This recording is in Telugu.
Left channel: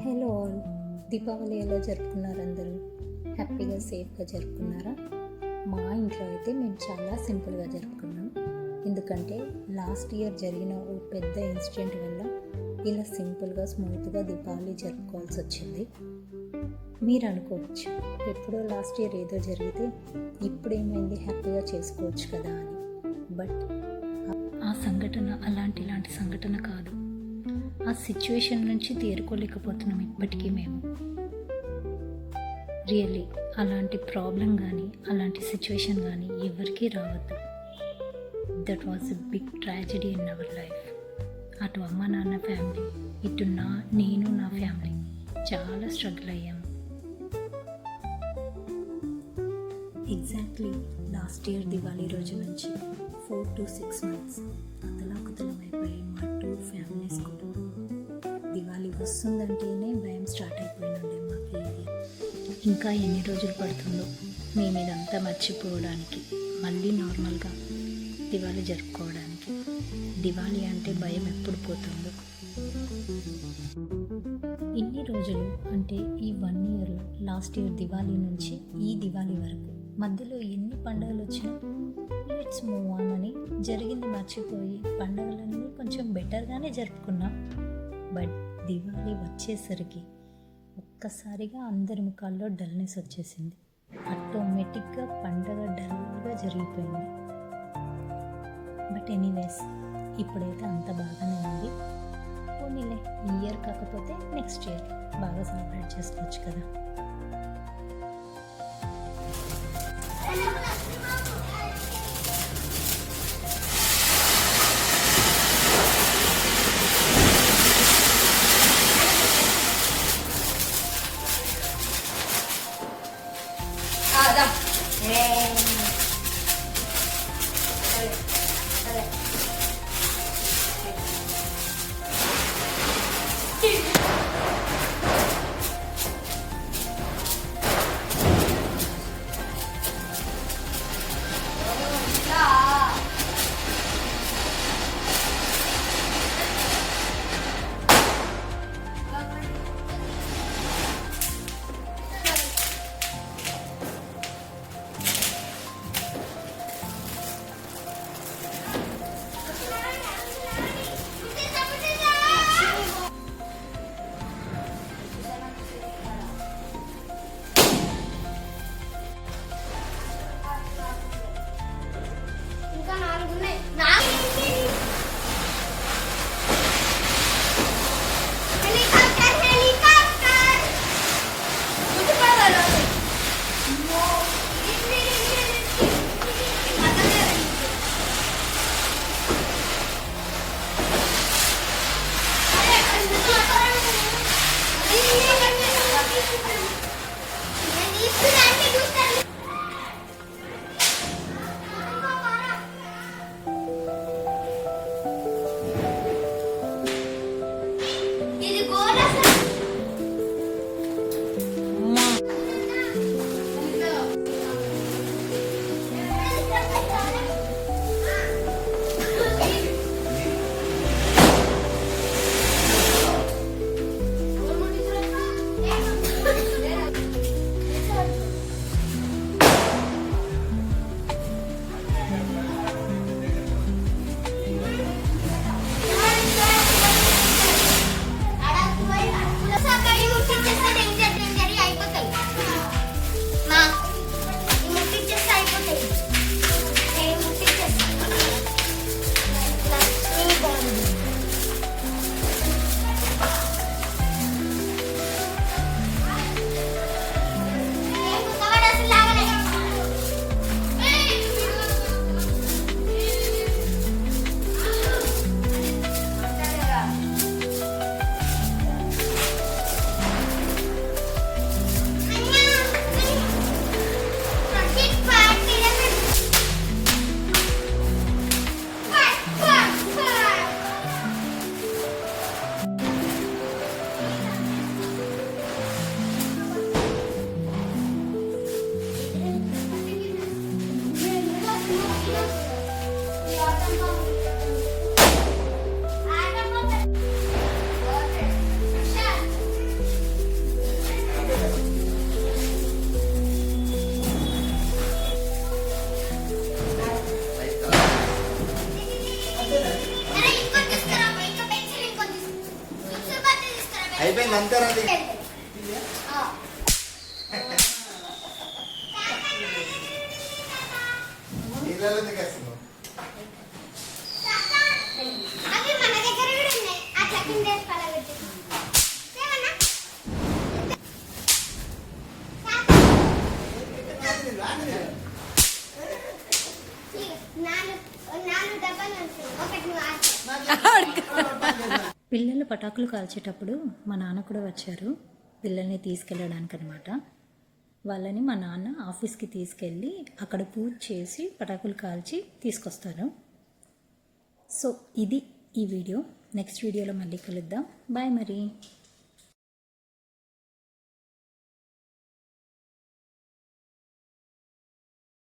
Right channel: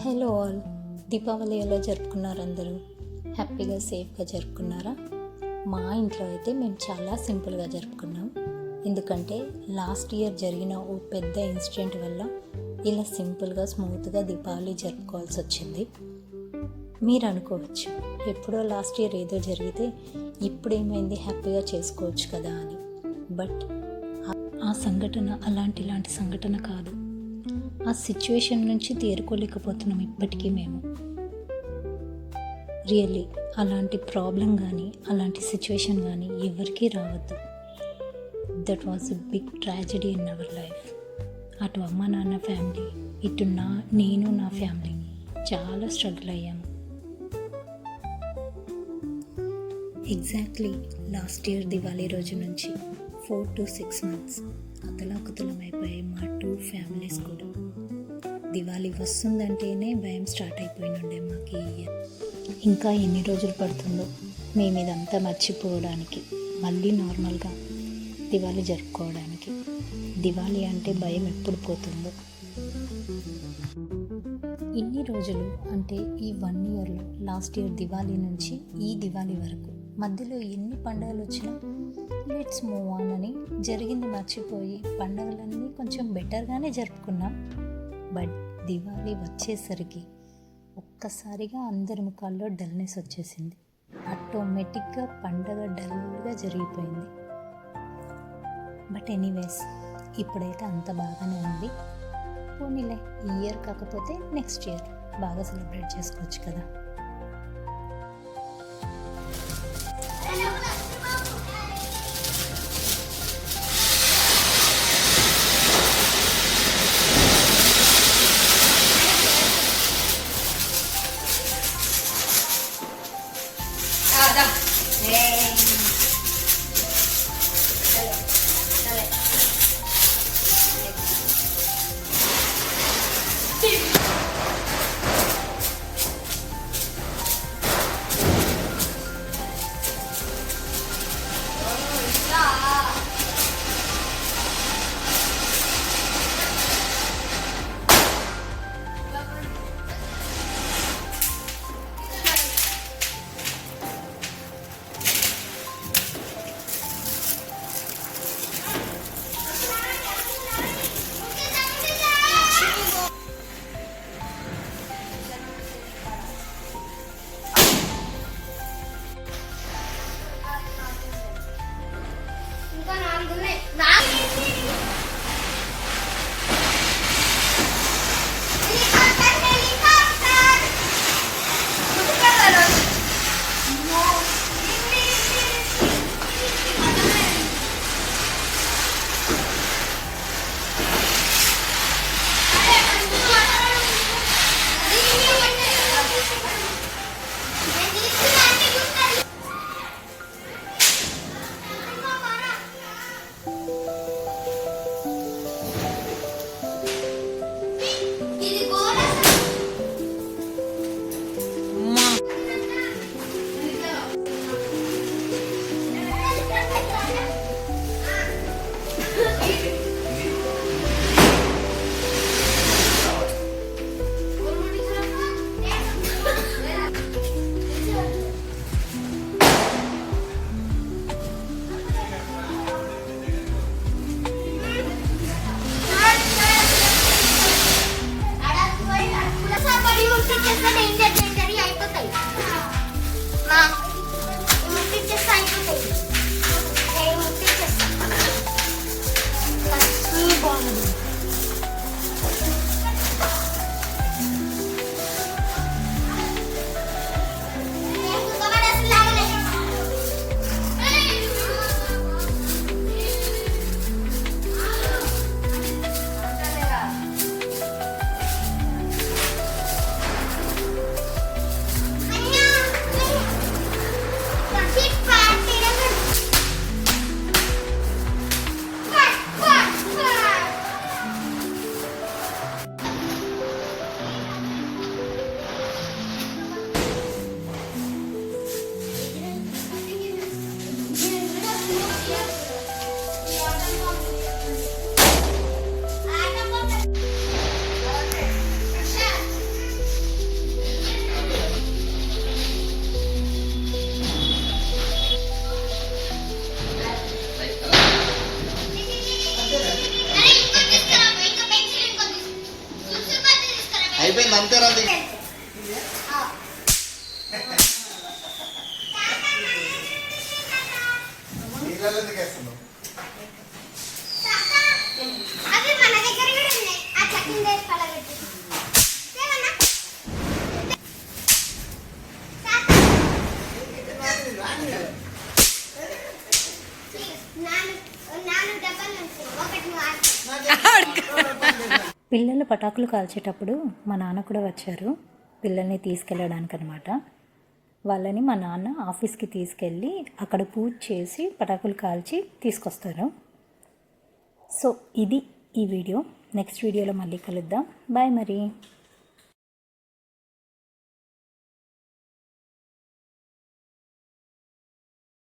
Hello all. దీపావళి ఎలా జరుపుకున్నారు అందరూ? హ్యాపీగా సేఫ్గా జరుపుకున్నారా? మా ఇంట్లో అయితే మేము చాలా సింపుల్గా జరుపుకున్నాం. ఎందుకంటే లాస్ట్ ఇయర్ జరిగిన ఓ పెద్ద ఇన్సిడెంట్ వల్ల ఇలా సింపుల్గా స్మూత్గా దీపావళి జరుపుకోవాల్సి వచ్చింది. మీరు అనుకోవచ్చు ఎప్పుడో లాస్ట్ ఇయర్ ఏదో జరిగితే ఇప్పుడు ఏమైంది హ్యాపీగా చేసుకోవచ్చు కదా అని. బట్ ఆ సంఘటన అలాంటి ఇలాంటి సంఘటన కాదు. ఆ సిచ్యువేషన్ నుంచి తేరుకోలేకపోతున్నాం ఇప్పటికీ మేము. రియల్లీ అలాంటి ప్రాబ్లం కానీ అలాంటి సిచ్యువేషన్ కానీ ఎవరికీ రావద్దు. That was a big tragedy in our life అటు అమ్మ నాన్న ఫ్యామిలీ ఇటు నా నేను నా ఫ్యామిలీ చాలా స్ట్రగుల్ అయ్యాము ఎగ్జాక్ట్లీ లాస్ట్ ఇయర్ దివాళీ రోజు నుంచి ఫోర్ టు సిక్స్ మంత్స్ అతలాకుతలం దివాళీ వస్తుందంటేనే భయం స్టార్ట్ అయిపోయినుండే మాకు ఇంకా ఎన్ని రోజులు పడుతుందో మేము ఇదంతా మర్చిపోవడానికి మళ్ళీ నార్మల్గా దివాళీ జరుపుకోవడానికి. దివాళీ అంటే భయం ఎప్పుడు పోతుందో. ఇన్ని రోజులు అంటే ఈ వన్ ఇయర్లో లాస్ట్ ఇయర్ దివాళీ నుంచి ఈ దివాళీ వరకు మధ్యలో ఎన్ని పండుగలు వచ్చినా లెట్స్ మూవ్ ఆన్ అని జరిగింది మర్చిపోయి పండుగలన్నీ కొంచెం బెటర్గానే జరుపుకున్నాం. బట్ దివాళీ వచ్చేసరికి ఒక్కసారిగా అందరి ముఖాల్లో డల్నెస్ వచ్చేసింది. ఆటోమేటిక్గా పండగ డల్గా జరిగిపోయింది. బట్ ఎనీవేస్ ఇప్పుడైతే అంత బాగానే ఉంది. పోనీలే ఈ ఇయర్ కాకపోతే నెక్స్ట్ ఇయర్ బాగా సెలబ్రేట్ చేసుకోవచ్చు కదా. Yay. Nice. పలగొట్టి ఏమన్నా నాను నాను డబ్బాలు ఉంటాయి. ఒకటి వాడుకో పిల్లలు పటాకులు కాల్చేటప్పుడు మా నాన్న కూడా వచ్చారు పిల్లల్ని తీసుకెళ్ళడానికి అనమాట వాళ్ళని మా నాన్న ఆఫీస్కి తీసుకెళ్ళి అక్కడ పూజ చేసి పటాకులు కాల్చి తీసుకొస్తారు. సో ఇది ఈ వీడియో. నెక్స్ట్ వీడియోలో మళ్ళీ కలుద్దాం. బాయ్ మరి.